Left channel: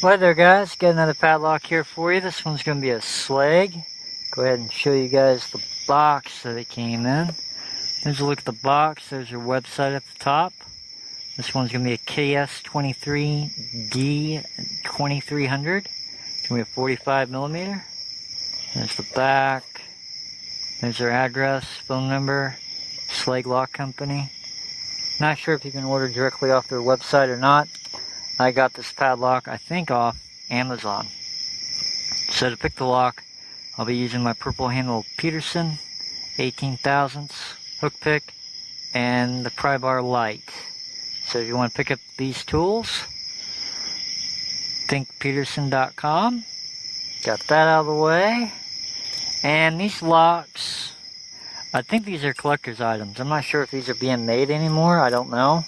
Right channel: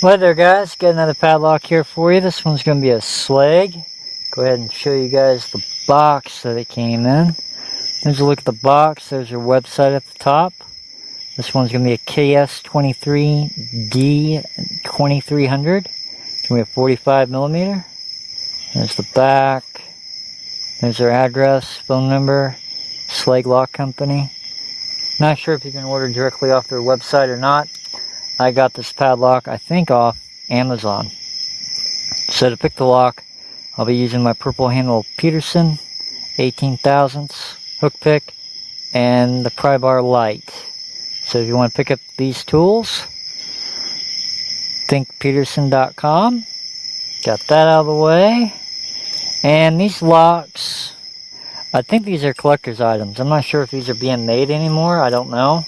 Well there guys, got another padlock here for you. This one's going to be a Schlage. Go ahead and show you guys the box that it came in. There's a look at the box. There's your website at the top. This one's going to be a KS23 D2300. It's going to be a 45 millimeter. There's the back. There's their address, phone number, Schlage Lock Company. Not sure if you can order directly off their website or not. I got this padlock, I think, off Amazon. So to pick the lock, I'll be using my purple handle Peterson 18 thousandths hook pick and the pry bar Lite. So if you want to pick up these tools, thinkpeterson.com. Got that out of the way. And these locks, I think these are collector's items. I'm not sure if these are being made anymore. I don't know.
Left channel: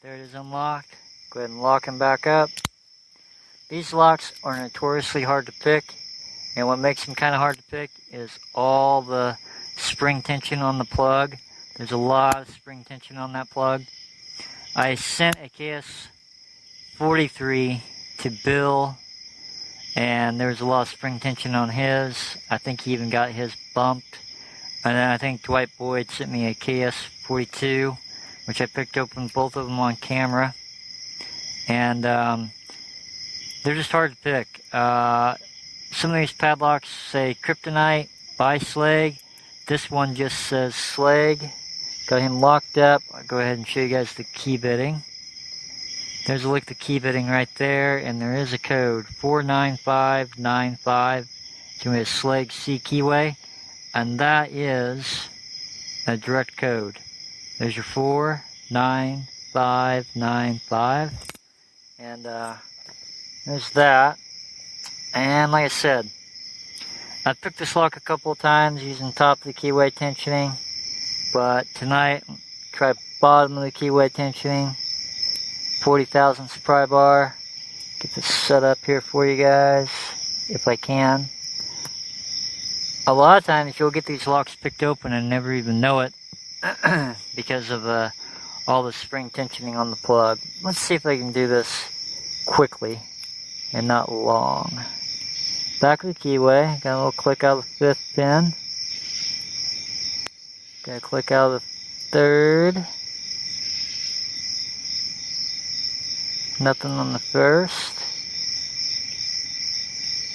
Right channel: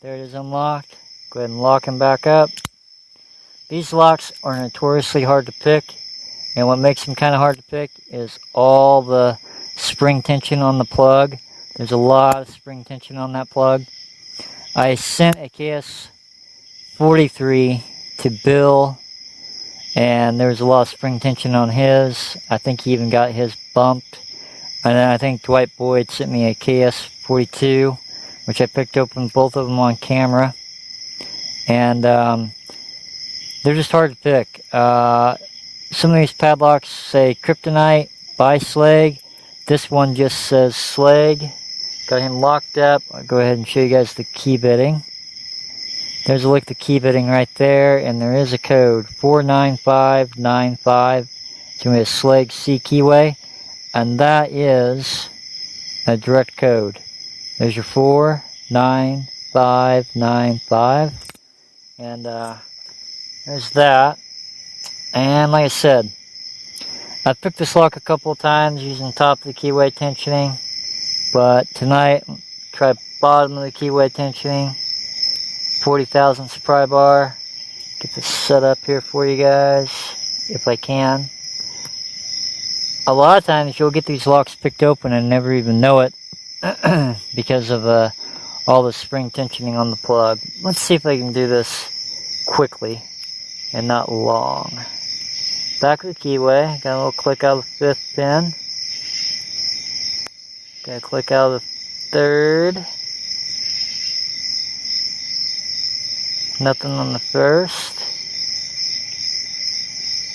There it is unlocked. Go ahead and lock them back up. These locks are notoriously hard to pick. And what makes them kind of hard to pick is all the spring tension on the plug. There's a lot of spring tension on that plug. I sent a KS23 to Bill, and there was a lot of spring tension on his. I think he even got his bumped. And then I think Dwight Boyd sent me a KS42, which I picked open both of them on camera. And they're just hard to pick. Some of these padlocks say Kryptonite by Schlage. This one just says Schlage. Got him locked up. I'll go ahead and show you guys the key bitting. There's a look at the key bitting right there, and there is a code 49595. It's going to be a Schlage C keyway, and that is a direct code. There's your 49595, and there's that. And like I said, I've picked this lock a couple of times using top of the keyway tensioning, but tonight try bottom of the keyway tensioning, 40 thousandths pry bar. Get this set up here for you guys if I can. A lot of times you'll get these locks picked open and never even know it because of all the spring tensioning on the plug. Let's see if I can do this quickly and not long. Back of the keyway, got a little click out of the 5th pin. Got a click out of the 3rd. Nothing on the 1st.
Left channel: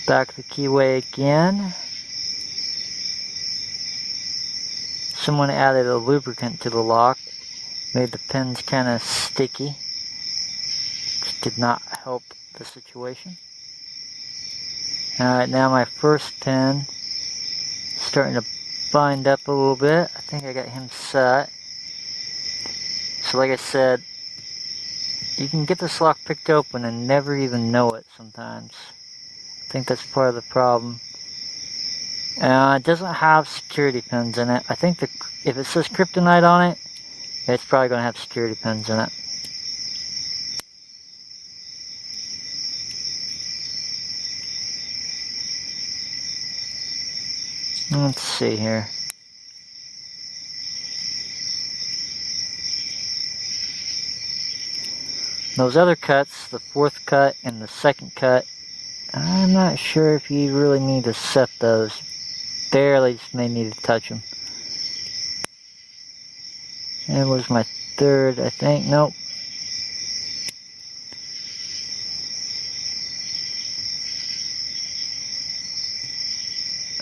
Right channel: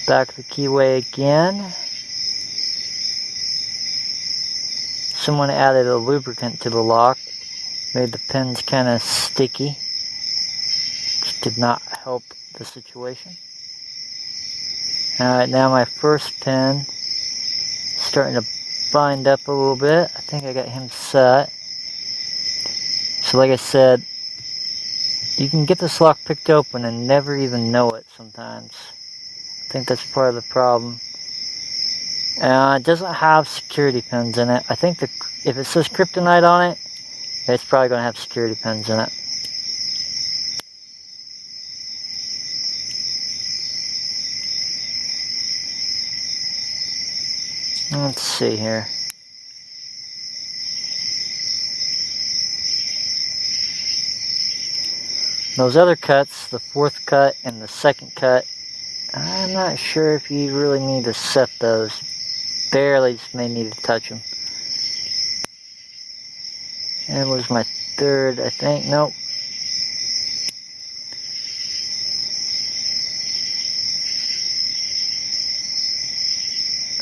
Back of the keyway again. Someone added a lubricant to the lock. Made the pins kind of sticky. Which did not help the situation. Alright, now my first pin starting to bind up a little bit. I think I got him set. So like I said, you can get this lock picked open and never even know it sometimes. I think that's part of the problem. It doesn't have security pins in it. I think if it says Kryptonite on it, it's probably going to have security pins in it. Let's see here. Those other cuts, the 4th cut and the 2nd cut, I'm not sure if you really need to set those. Barely just may need to touch them. And it was my 3rd, I think. Nope.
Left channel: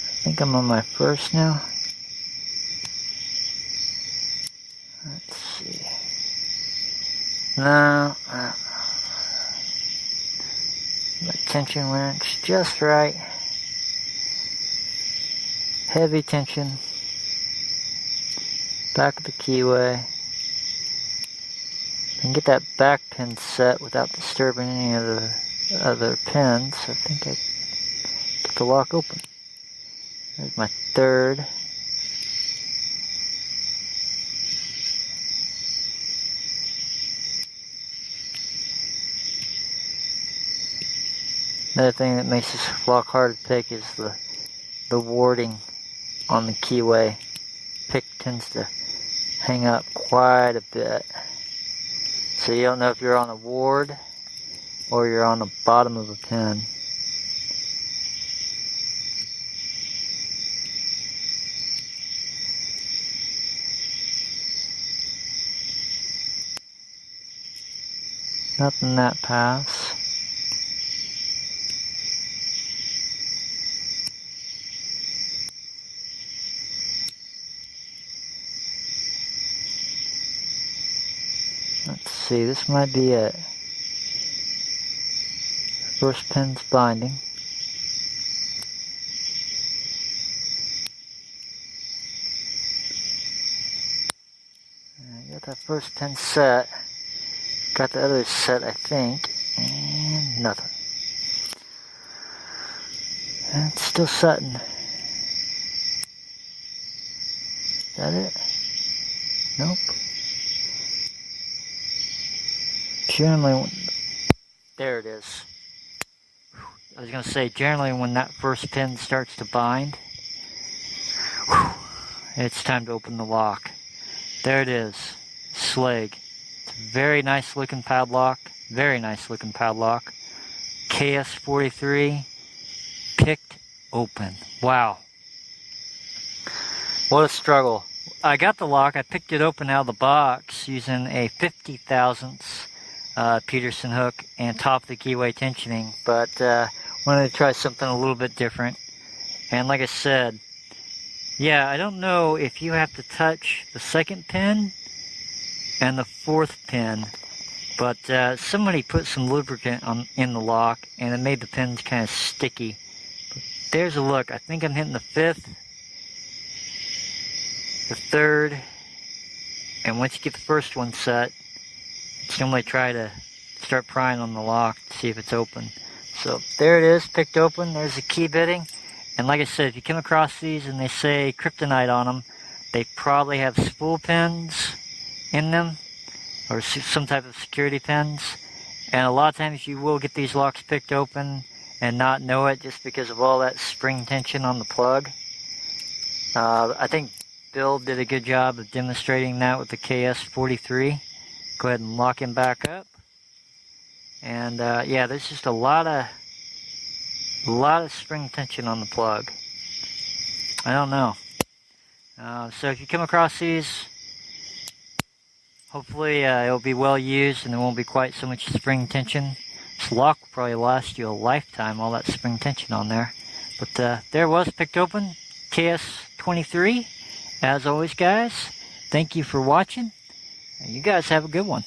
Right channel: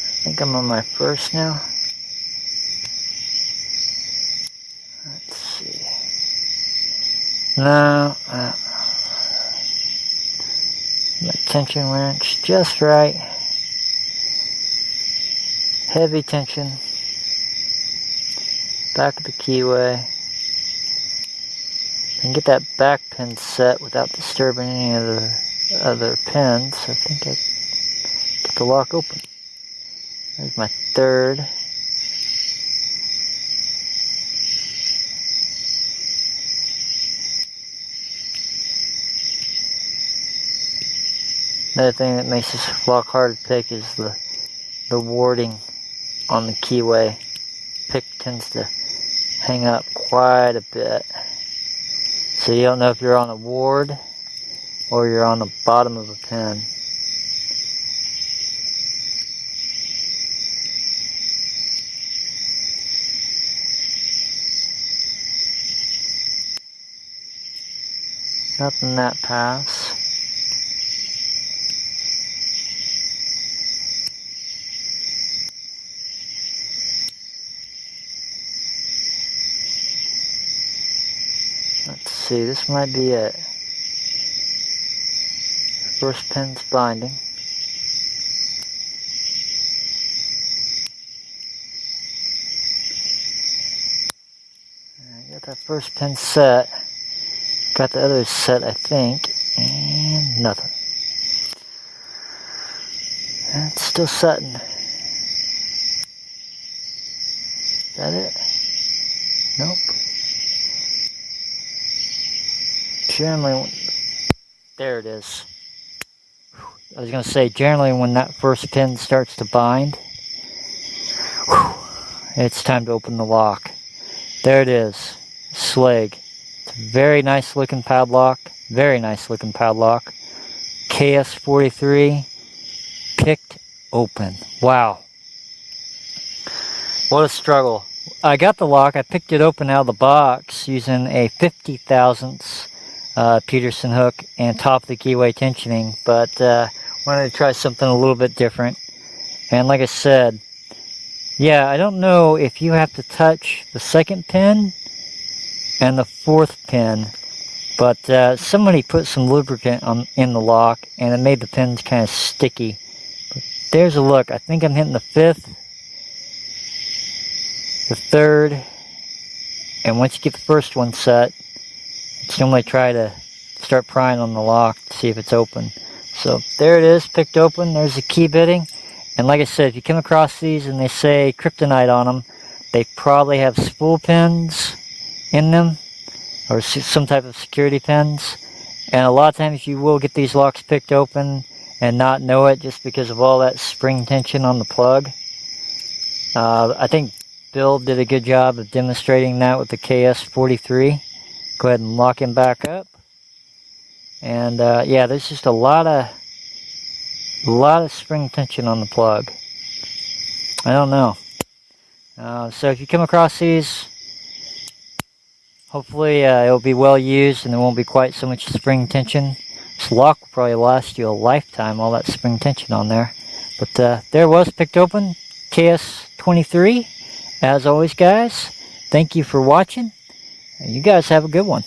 I think I'm on my 1st now. Let's see. No. My tension wrench just right. Heavy tension. Back of the keyway. And get that back pin set without disturbing any of the other pins. I think I get the lock open. There's my 3rd. Another thing that makes this lock hard to pick is the warding on the keyway. Pick tends to hang up quite a bit. So you don't know if you're on a ward. or you're on the bottom of a pin. Nothing that pass. Let's see, this might be it. First pin's binding. I got that first pin set. Got the others set, I think, and nothing. And it's still setting. Is that it? Nope. Generally, there it is. I was going to say, generally when that first pin starts to bind, it's time to open the lock. There it is. Schlage. It's a very nice looking padlock. Very nice looking padlock. KS23 picked open. Wow. What a struggle. I got the lock. I picked it open out of the box using a 50 thousandths Peterson hook and top of the keyway tensioning, but wanted to try something a little bit different. And like I said, yeah, I don't know if you have to touch the second pin and the fourth pin, but somebody put some lubricant in the lock and it made the pins kind of sticky. But there's a look. I think I'm hitting the fifth, the third, and once you get the first one set, normally try to start prying on the lock to see if it's open. So there it is, picked open. There's the key bitting. And like I said, if you come across these and they say kryptonite on them, they probably have spool pins in them or some type of security pins. And a lot of times you will get these locks picked open and not know it just because of all that spring tension on the plug. I think Bill did a good job of demonstrating that with the KS23. Go ahead and lock him back up. And yeah, there's just a lot of spring tension on the plug. I don't know. So if you come across these, hopefully it'll be well used and there won't be quite so much spring tension. This lock will probably last you a lifetime, all that spring tension on there. But there it was, picked open, KS23. As always, guys, thank you for watching. And you guys have a good one.